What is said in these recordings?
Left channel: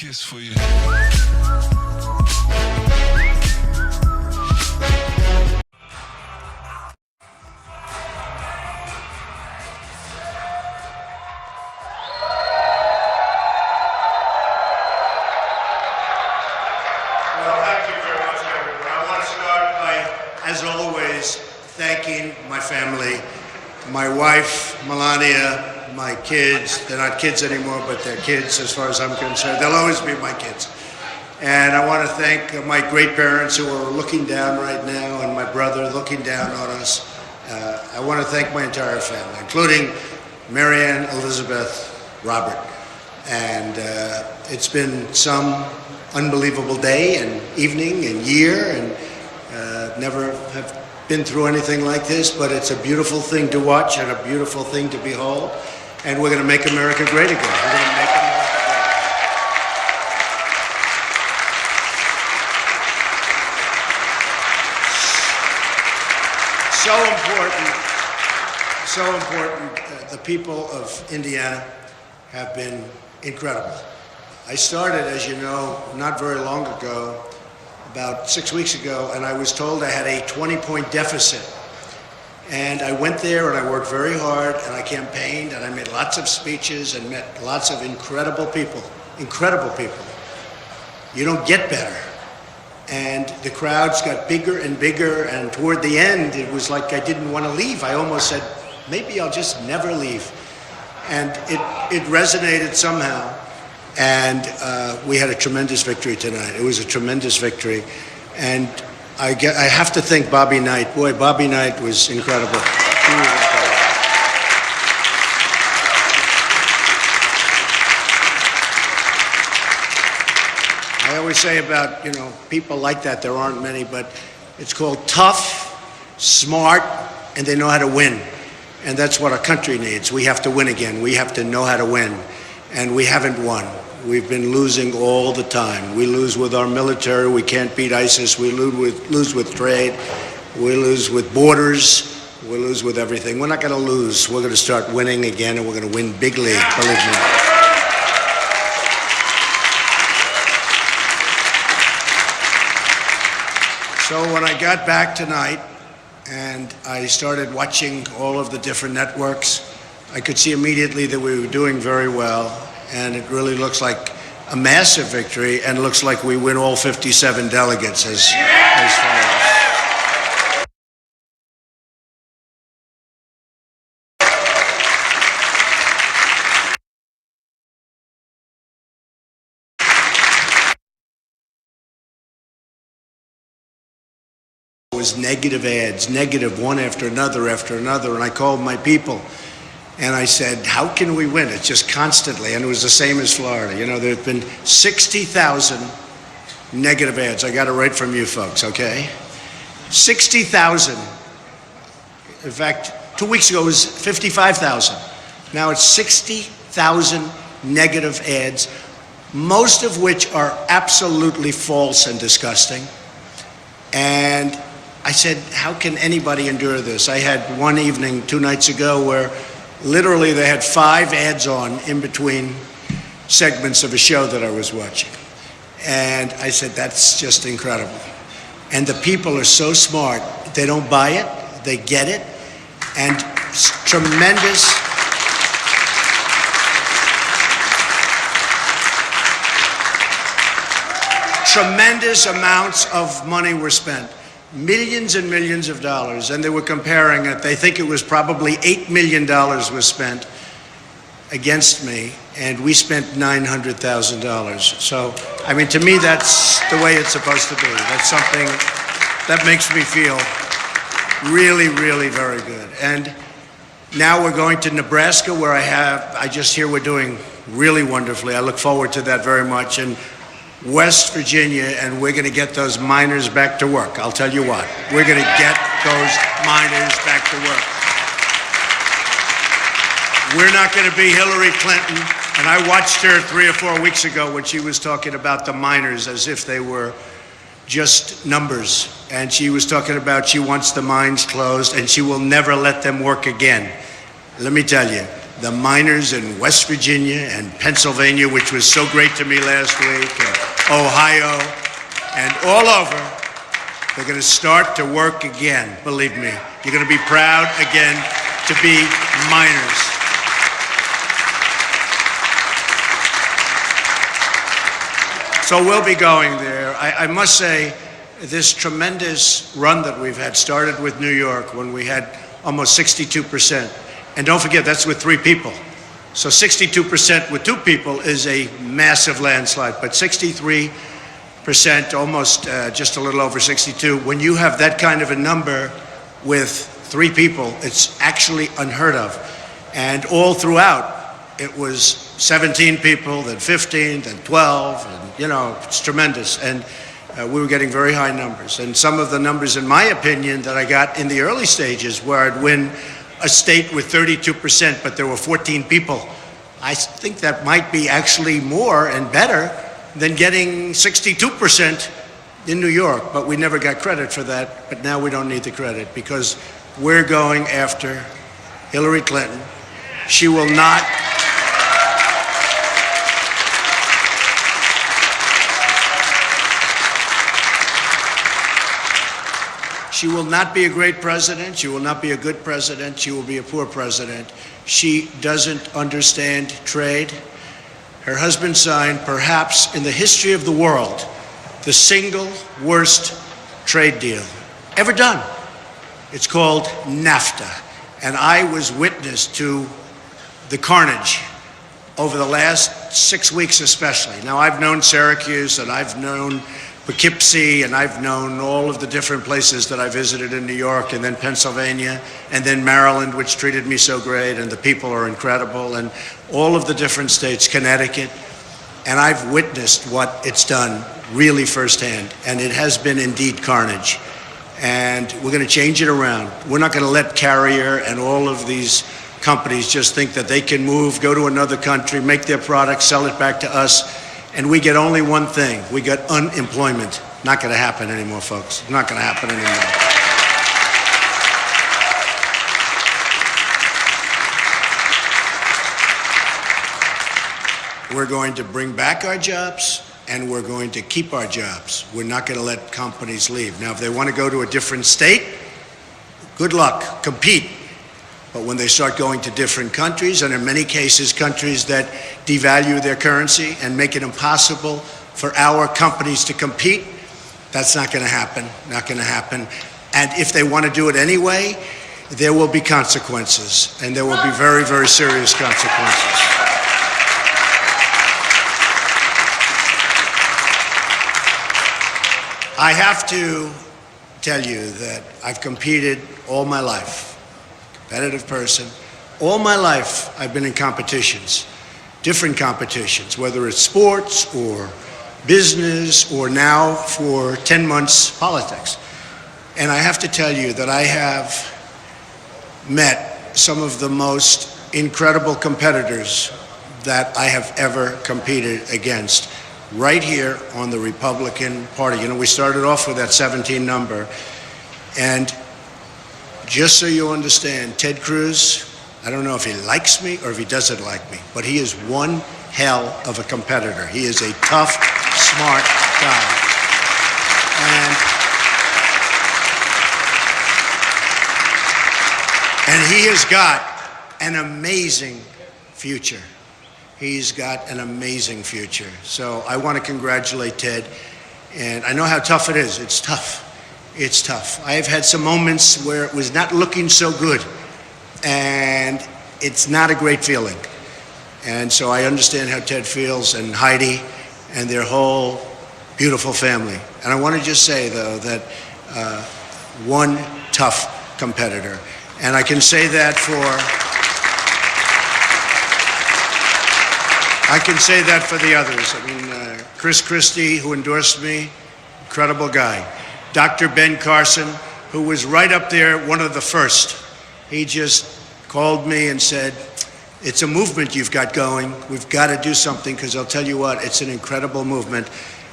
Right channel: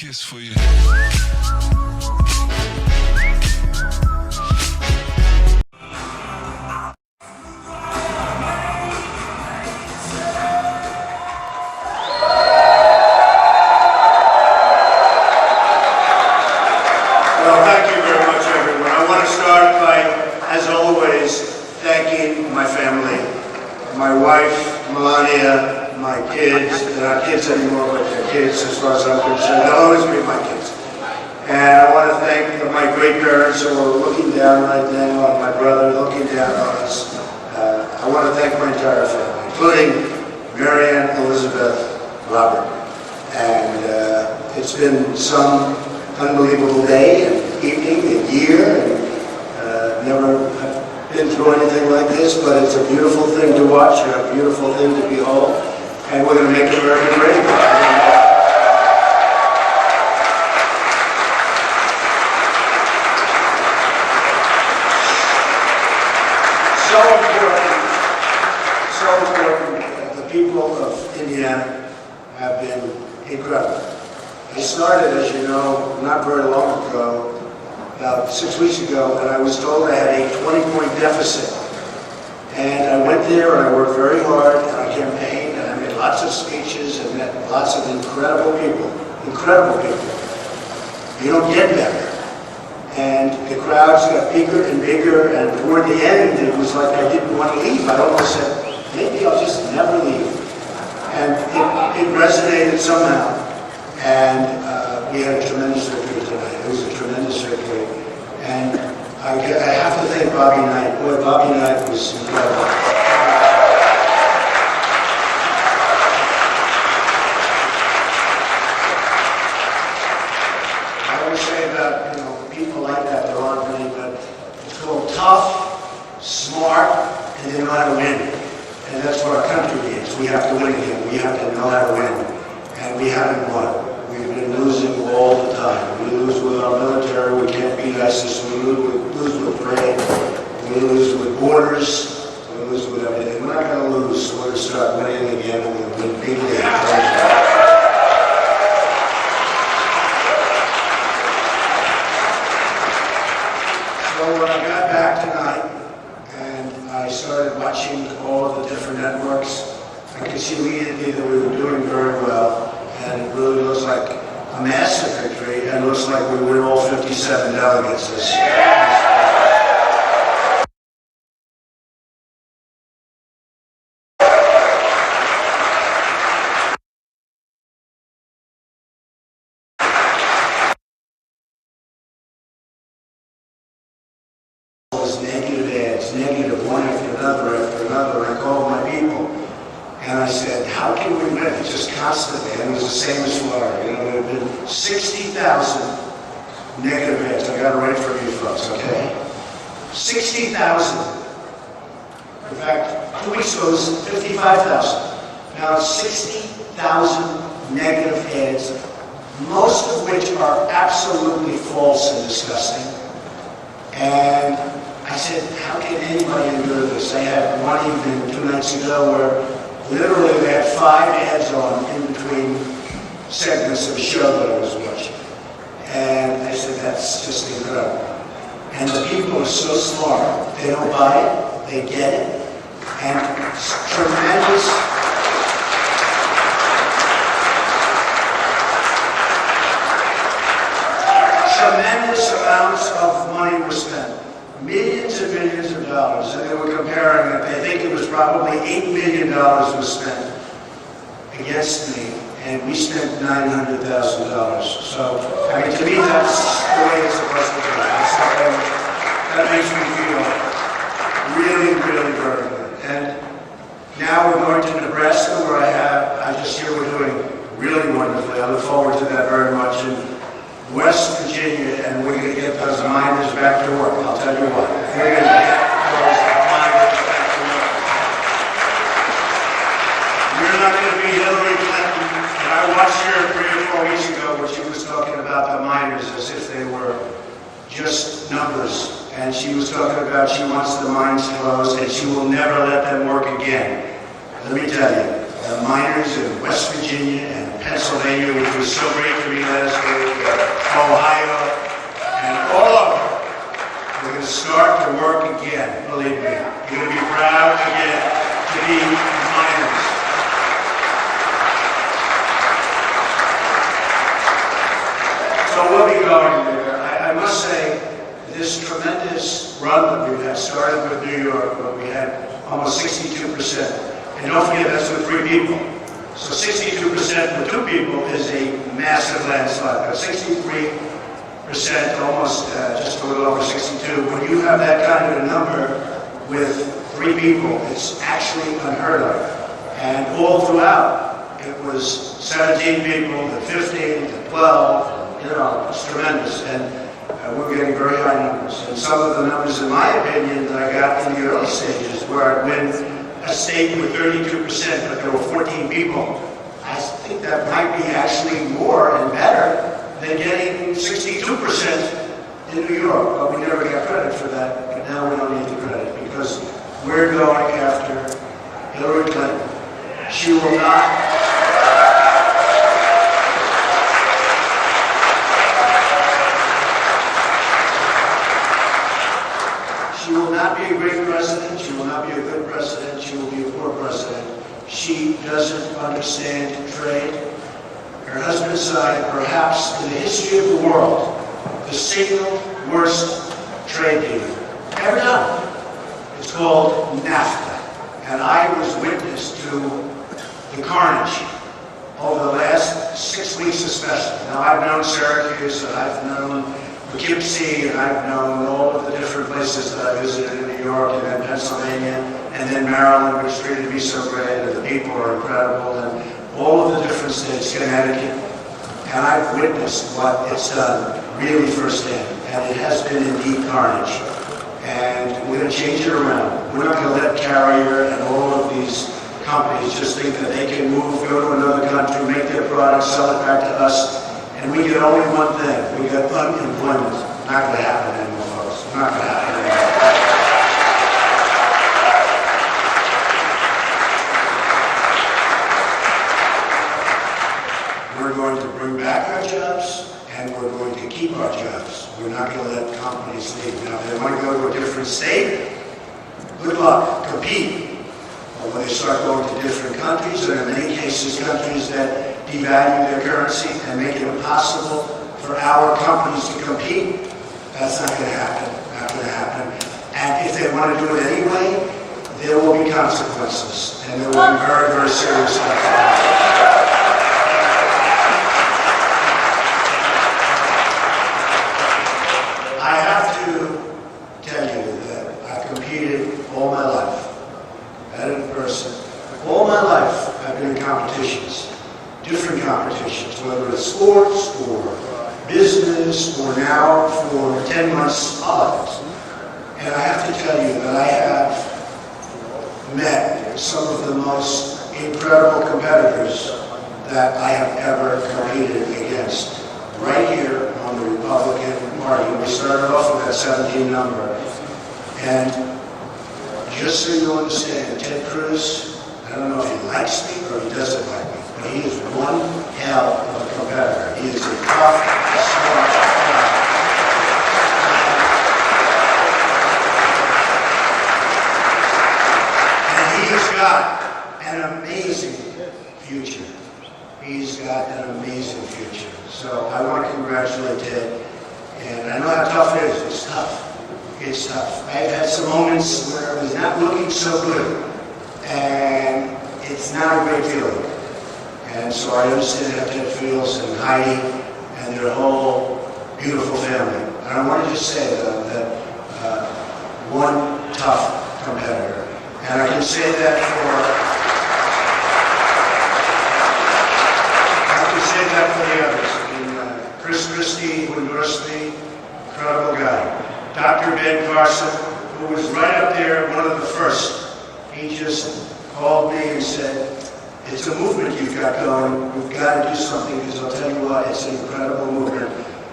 kiss for you. Well, thank you very much, everyone. I want to start by, as always, thanking my family, my wife, Melania, my kids. They're not kids anymore, but they're kids as far as I'm concerned. They'll always be my kids. And I want to thank my great parents who are looking down right now, and my brother looking down on us. I want to thank my entire family, including Marianne, Elizabeth, Robert. And it's been some unbelievable day and evening and year, and never have been through anything like this, but it's a beautiful thing to watch and a beautiful thing to behold, and we're going to make America great again. So important. The people of Indiana have been incredible. I started, as you know, not very long ago, about 6 weeks ago, and I was told I had a 20-point deficit. And I went there and I worked very hard and I campaigned and I made lots of speeches and met lots of incredible people. Incredible people. You don't get better. And the crowds got bigger and bigger, and toward the end it was like I didn't want to leave. I almost said, maybe I'll just never leave. And it resonated somehow. And we had a tremendous victory tonight. It was a tremendous victory. And I have to thank Bobby Knight. Boy, Bobby Knight was incredible. I always say about, people like that, there aren't many, but it's called tough, smart, and they know how to win. And that's what our country needs. We have to win again. We have to know how to win. And we haven't won. We've been losing all the time. We lose with our military. We can't beat ISIS. We lose with trade. We lose with borders. We lose with everything. We're not going to lose. We're going to start winning again, and we're going to win bigly. So when I got back tonight and I started watching all of the different networks, I could see immediately that we were doing very well. And it really looks like a massive victory, and it looks like we win all 57 delegates as was negative ads, negative one after another, and I called my people. And I said, how can we win? It's just constantly, and it was the same as Florida. There have been 60,000 negative ads. I got it right from you folks, okay? 60,000. In fact, 2 weeks ago it was 55,000. Now it's 60,000 negative ads, most of which are absolutely false and disgusting. And I said, how can anybody endure this? I had one evening 2 nights ago where literally they had 5 ads on in between segments of a show that I was watching. And I said, that's just incredible. And the people are so smart. They don't buy it, they get it. And tremendous amounts of money were spent. Millions and millions of dollars, and they were comparing it. They think it was probably $8 million was spent against me, and we spent $900,000. So, to me, that's the way it's supposed to be. It's something that makes me feel really, really very good. And now we're going to Nebraska, where I just hear we're doing really wonderfully. I look forward to that very much. And West Virginia, and we're going to get those miners back to work. I'll tell you what, we're going to get those miners back to work. We're not going to be Hillary Clinton, and I watched her 3 or 4 weeks ago when she was talking about the miners as if they were just numbers. And she was talking about she wants the mines closed and she will never let them work again. Let me tell you, the miners in West Virginia and Pennsylvania, which was so great to me last week, Ohio, and all over, they're going to start to work again, believe me. You're going to be proud again to be miners. So we'll be going there. I must say, this tremendous run that we've had started with New York when we had almost 62%. And don't forget, that's with 3 people. So 62% with 2 people is a massive landslide, but 63%, almost just a little over 62. When you have that kind of a number with 3 people, it's actually unheard of. And all throughout, it was 17 people, then 15, then 12, and, you know, it's tremendous. And we were getting very high numbers. And some of the numbers, in my opinion, that I got in the early stages, where I'd win a state with 32%, but there were 14 people, I think that might be actually more and better than getting 62% in New York. But we never got credit for that. But now we don't need the credit, because we're going after Hillary Clinton. She will not... She will not be a great president. She will not be a good president. She will be a poor president. She doesn't understand trade. Her husband signed, perhaps in the history of the world, the single worst trade deal ever done. It's called NAFTA. And I was witness to the carnage over the last 6 weeks especially. Now, I've known Syracuse, and I've known Poughkeepsie, and I've known all of the different places that I visited in New York, and then Pennsylvania, and then Maryland, which treated me so great, and the people are incredible, and all of the different states, Connecticut, and I've witnessed what it's done really firsthand, and it has been indeed carnage. And we're going to change it around. We're not going to let Carrier and all of these companies just think that they can move, go to another country, make their product, sell it back to us, and we get only one thing. We get unemployment. Not going to happen anymore, folks. Not going to happen anymore. We're going to bring back our jobs, and we're going to keep our jobs. We're not going to let companies leave. Now, if they want to go to a different state, good luck, compete. But when they start going to different countries, and in many cases countries that devalue their currency and make it impossible for our companies to compete, that's not going to happen, not going to happen. And if they want to do it anyway, there will be consequences, and there will be very, very serious consequences. I have to tell you that I've competed all my life. Competitive person. All my life, I've been in competitions, different competitions, whether it's sports or business or now for 10 months politics. And I have to tell you that I have met some of the most incredible competitors that I have ever competed against right here on the Republican Party. And we started off with that 17 number. And just so you understand, Ted Cruz, I don't know if he likes me or if he doesn't like me, but he is one hell of a competitor. He is a tough, smart guy. And he has got an amazing future. He's got an amazing future. So I want to congratulate Ted. And I know how tough it is. It's tough. It's tough. I have had some moments where it was not looking so good, and it's not a great feeling. And so I understand how Ted feels, and Heidi, and their whole beautiful family. And I want to just say, though, that one tough competitor. And I can say that for the others. I mean, Chris Christie, who endorsed me, incredible guy. Dr. Ben Carson, who was right up there, one of the first. He just called me and said, it's a movement you've got going. We've got to do something, because I'll tell you what, it's an incredible movement.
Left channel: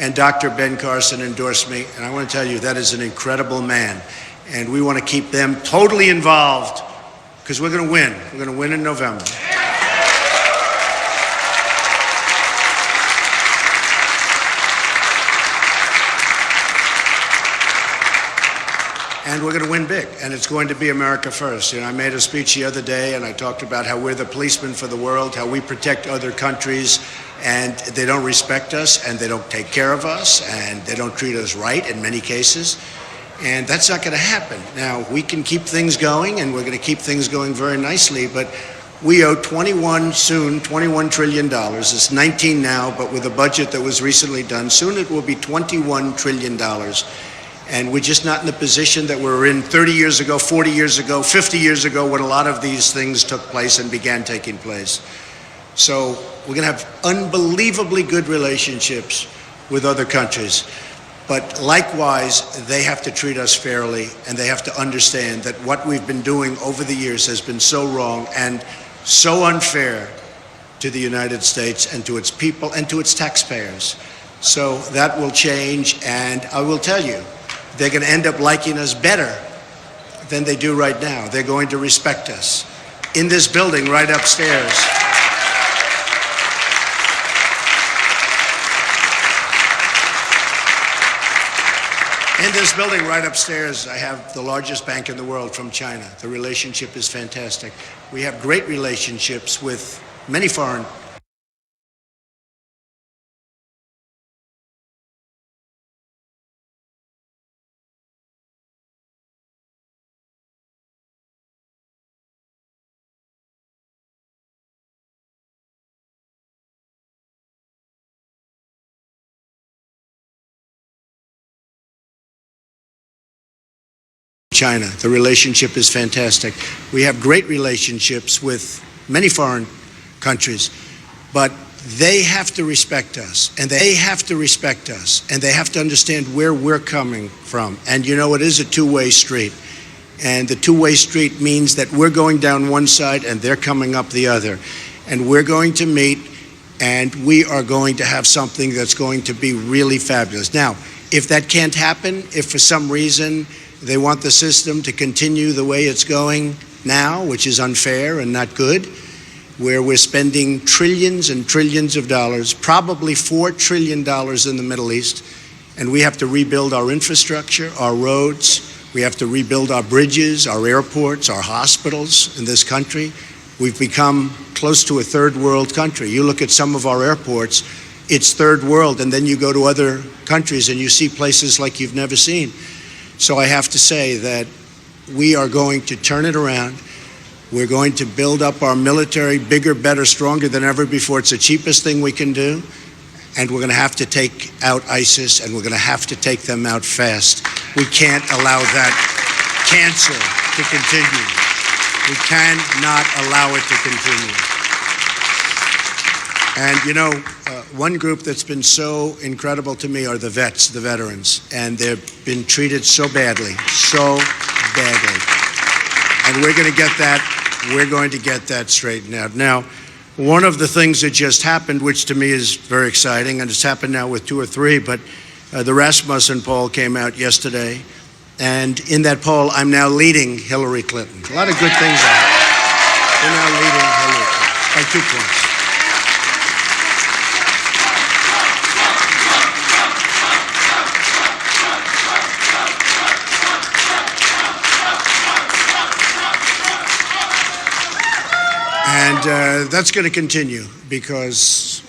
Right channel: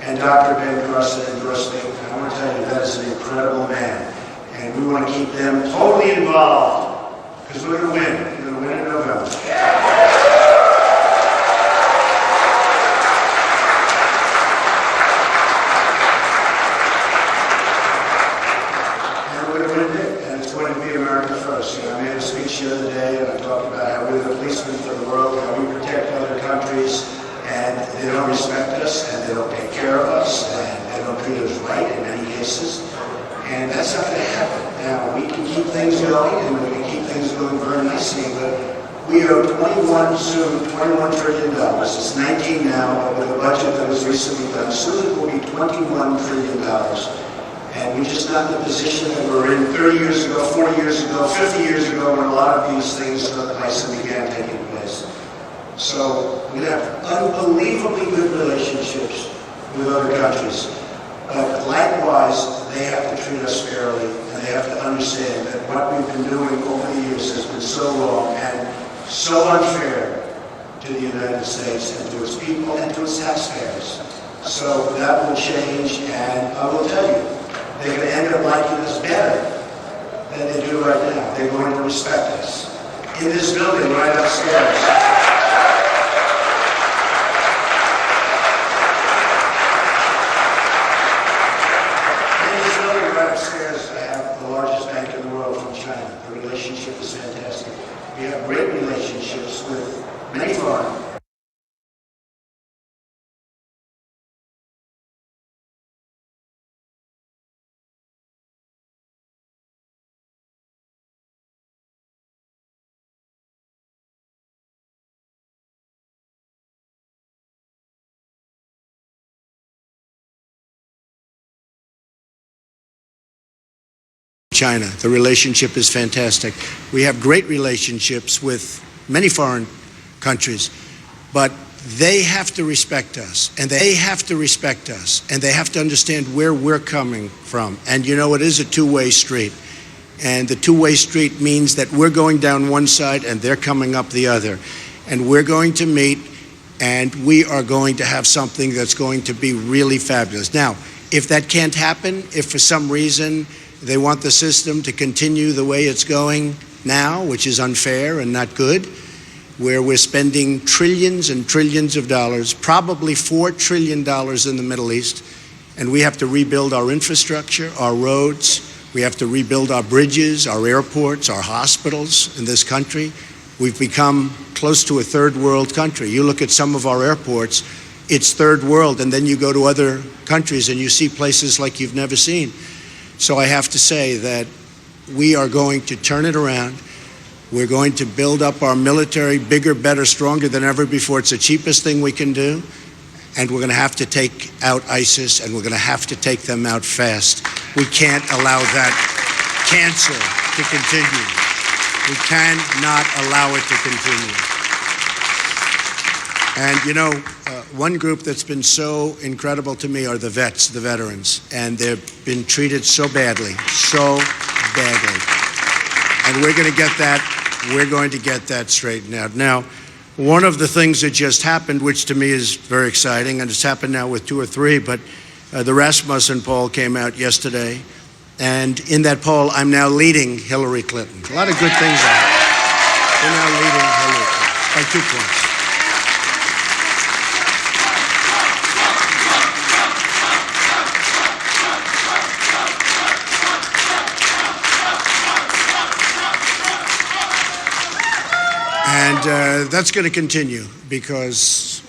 And Dr. Ben Carson endorsed me, and I want to tell you, that is an incredible man. And we want to keep them totally involved, because we're going to win. We're going to win in November. and we're going to win big, and it's going to be America first. You know, I made a speech the other day, and I talked about how we're the policemen for the world, how we protect other countries, and they don't respect us, and they don't take care of us, and they don't treat us right in many cases, and that's not going to happen. Now, we can keep things going, and we're going to keep things going very nicely, but we owe $21 trillion. It's 19 now, but with a budget that was recently done, soon it will be $21 trillion. And we're just not in the position that we were in 30 years ago, 40 years ago, 50 years ago, when a lot of these things took place and began taking place. So we're going to have unbelievably good relationships with other countries. But likewise, they have to treat us fairly, and they have to understand that what we've been doing over the years has been so wrong and so unfair to the United States and to its people and to its taxpayers. So that will change, and I will tell you, they're going to end up liking us better than they do right now. They're going to respect us. In this building right upstairs, I have the largest bank in the world from China. The relationship is fantastic. We have great relationships with many foreign China. The relationship is fantastic. We have great relationships with many foreign countries, but they have to respect us, and they have to respect us, and they have to understand where we're coming from. And you know, it is a two-way street. And the two-way street means that we're going down one side and they're coming up the other. And we're going to meet, and we are going to have something that's going to be really fabulous. Now, if that can't happen, if for some reason they want the system to continue the way it's going now, which is unfair and not good, where we're spending trillions and trillions of dollars, probably $4 trillion in the Middle East, and we have to rebuild our infrastructure, our roads, we have to rebuild our bridges, our airports, our hospitals in this country. We've become close to a third world country. You look at some of our airports, it's third world, and then you go to other countries and you see places like you've never seen. So I have to say that we are going to turn it around. We're going to build up our military bigger, better, stronger than ever before. It's the cheapest thing we can do. And we're going to have to take out ISIS, and we're going to have to take them out fast. We can't allow that cancer to continue. We cannot allow it to continue. And you know, one group that's been so incredible to me are the vets, the veterans. And they've been treated so badly, so badly. And we're going to get that straightened out. Now, one of the things that just happened, which to me is very exciting, and it's happened now with 2 or 3, but the Rasmussen poll came out yesterday. And in that poll, I'm now leading Hillary Clinton. A lot of good things are happening. They're now leading Hillary Clinton by 2 points. And that's going to continue because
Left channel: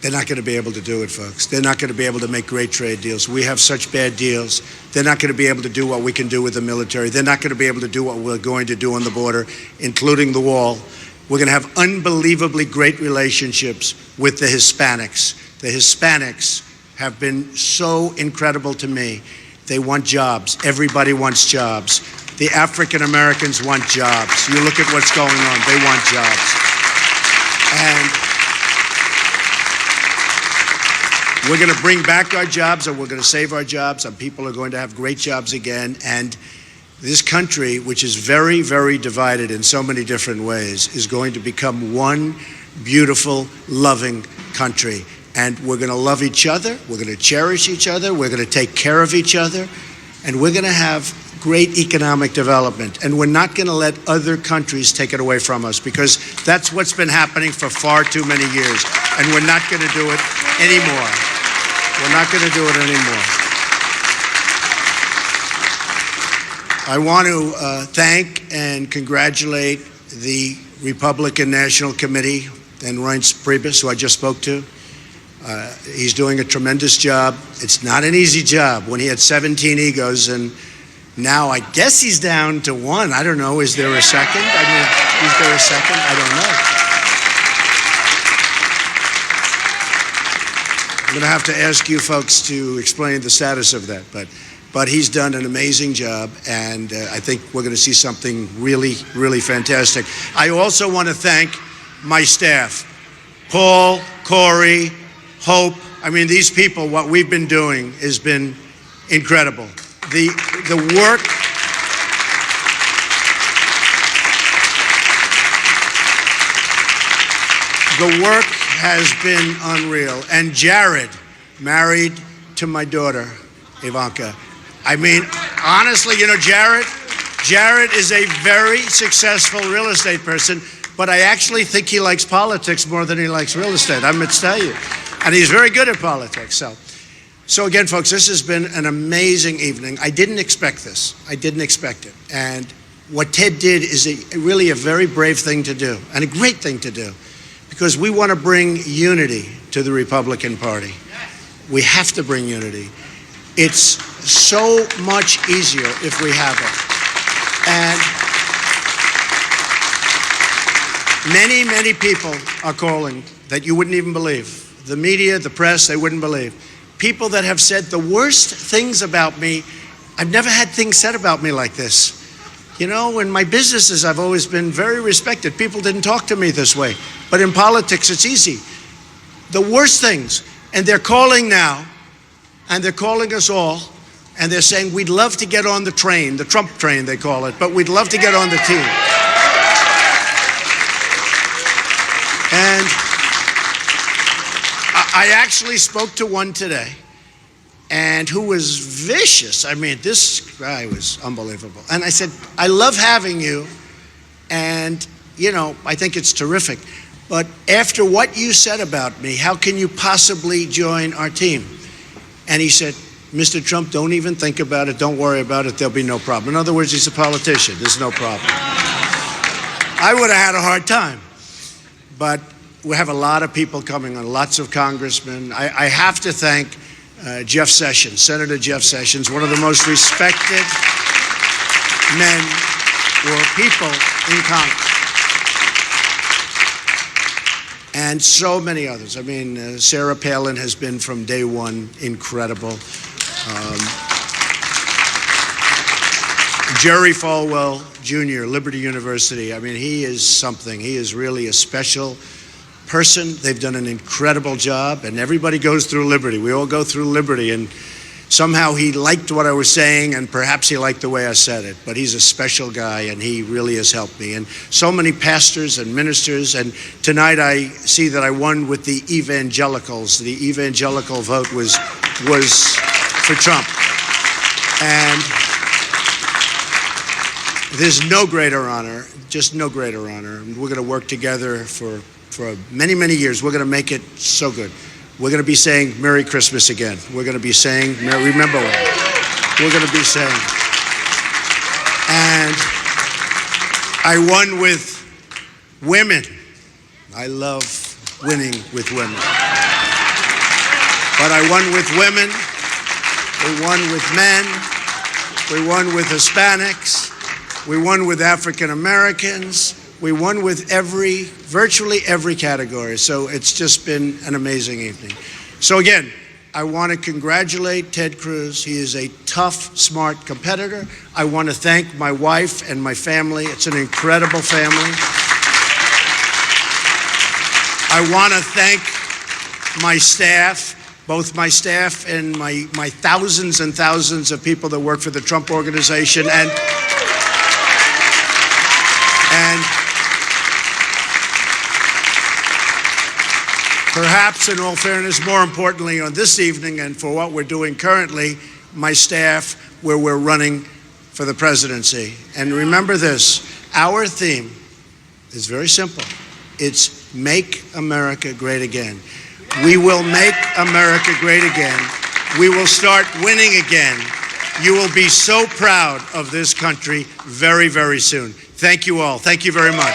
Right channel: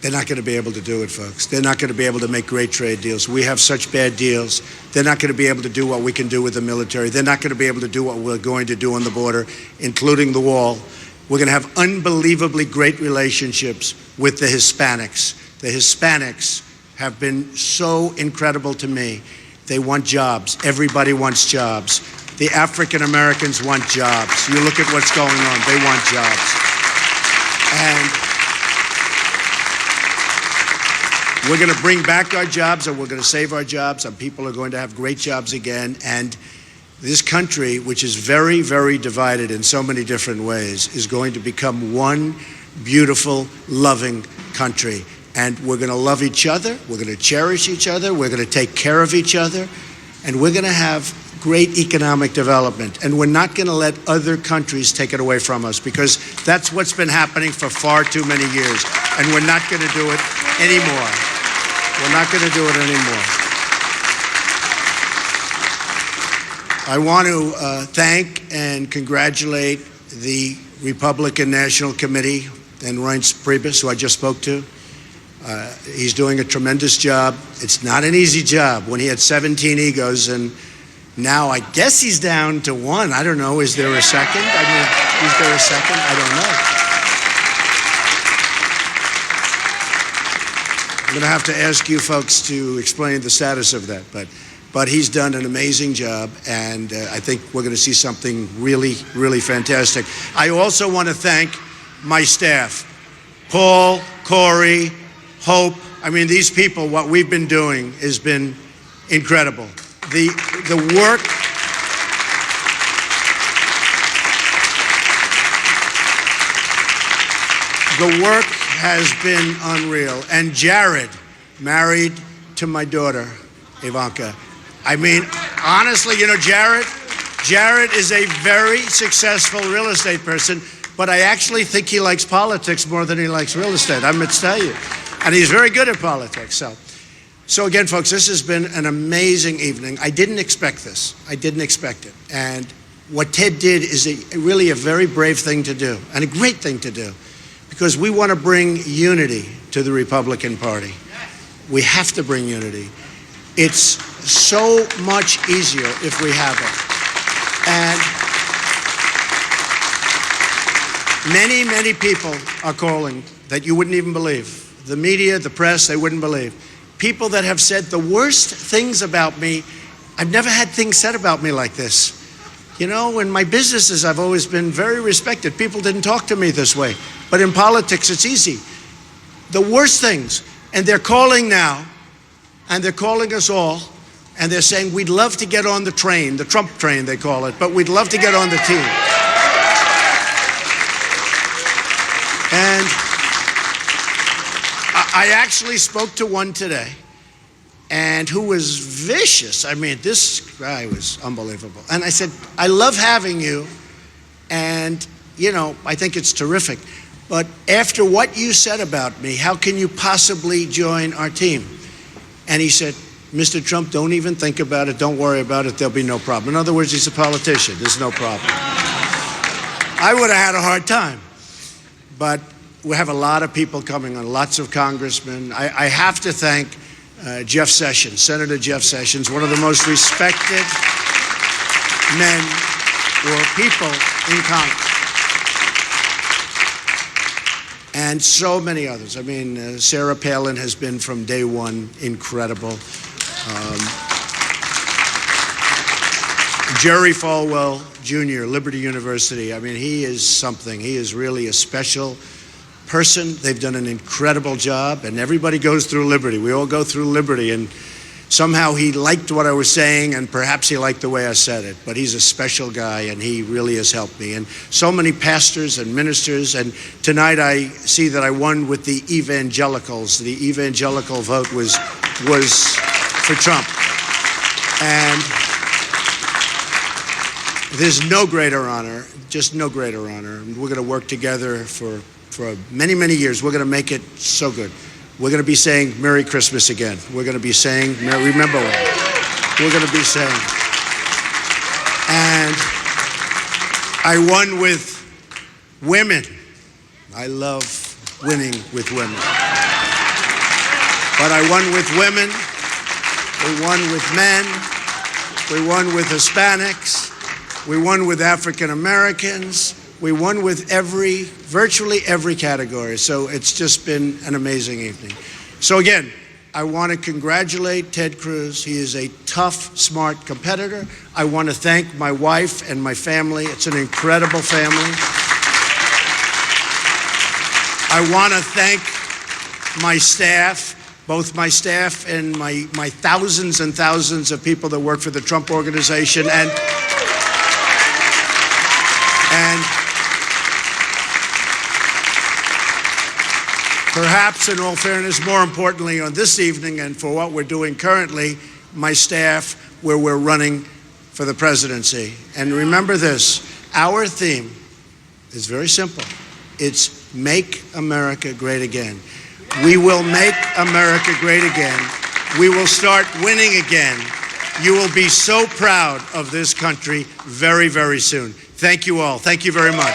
they're not going to be able to do it, folks. They're not going to be able to make great trade deals. We have such bad deals. They're not going to be able to do what we can do with the military. They're not going to be able to do what we're going to do on the border, including the wall. We're going to have unbelievably great relationships with the Hispanics. The Hispanics have been so incredible to me. They want jobs. Everybody wants jobs. The African Americans want jobs. You look at what's going on. They want jobs. And we're going to bring back our jobs, and we're going to save our jobs, and people are going to have great jobs again. And this country, which is very, very divided in so many different ways, is going to become one beautiful, loving country. And we're going to love each other. We're going to cherish each other. We're going to take care of each other. And we're going to have great economic development. And we're not going to let other countries take it away from us, because that's what's been happening for far too many years. And we're not going to do it anymore. We're not going to do it anymore. I want to thank and congratulate the Republican National Committee and Reince Priebus, who I just spoke to. He's doing a tremendous job. It's not an easy job when he had 17 egos, and now I guess he's down to one. I don't know. Is there a second? I mean, is there a second? I don't know. I'm going to have to ask you folks to explain the status of that, but he's done an amazing job, and I think we're going to see something really, really fantastic. I also want to thank my staff, Paul, Corey, Hope. I mean, these people, what we've been doing has been incredible. The work has been unreal. And Jared, married to my daughter, Ivanka. I mean, honestly, you know, Jared is a very successful real estate person, but I actually think he likes politics more than he likes real estate. I must tell you. And he's very good at politics. So again, folks, this has been an amazing evening. I didn't expect this. I didn't expect it. And what Ted did is really a very brave thing to do and a great thing to do, because we want to bring unity to the Republican Party. We have to bring unity. It's so much easier if we have it. And many, many people are calling that you wouldn't even believe. The media, the press, they wouldn't believe. People that have said the worst things about me. I've never had things said about me like this. You know, in my businesses, I've always been very respected. People didn't talk to me this way. But in politics, it's easy. The worst things. And they're calling now, and they're calling us all, and they're saying, we'd love to get on the train, the Trump train, they call it, but we'd love to get on the team. And I actually spoke to one today, and who was vicious. I mean, this guy was unbelievable. And I said, I love having you, and, you know, I think it's terrific. But after what you said about me, how can you possibly join our team? And he said, Mr. Trump, don't even think about it. Don't worry about it. There'll be no problem. In other words, he's a politician. There's no problem. I would have had a hard time. But we have a lot of people coming on, lots of congressmen. I have to thank Jeff Sessions, Senator Jeff Sessions, one of the most respected men or people in Congress. And so many others. I mean, Sarah Palin has been from day one incredible. Jerry Falwell Jr., Liberty University. I mean, he is something. He is really a special person. They've done an incredible job, and everybody goes through Liberty. We all go through Liberty, and somehow he liked what I was saying, and perhaps he liked the way I said it, but he's a special guy, and he really has helped me. And so many pastors and ministers, and tonight I see that I won with the evangelicals. The evangelical vote was for Trump. And there's no greater honor, just no greater honor. And we're going to work together for many, many years. We're going to make it so good. We're going to be saying Merry Christmas again. We're going to be saying, remember what we're going to be saying. And I won with women. I love winning with women. But I won with women. We won with men. We won with Hispanics. We won with African Americans. We won with virtually every category. So it's just been an amazing evening. So again, I want to congratulate Ted Cruz. He is a tough, smart competitor. I want to thank my wife and my family. It's an incredible family. I want to thank my staff, both my staff and my thousands and thousands of people that work for the Trump Organization, and perhaps, in all fairness, more importantly on this evening and for what we're doing currently, my staff, where we're running for the presidency. And remember this, our theme is very simple. It's Make America Great Again. We will make America great again. We will start winning again. You will be so proud of this country very, very soon. Thank you all. Thank you very much.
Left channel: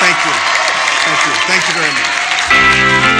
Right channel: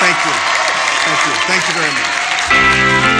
Thank you. Thank you. Thank you very much.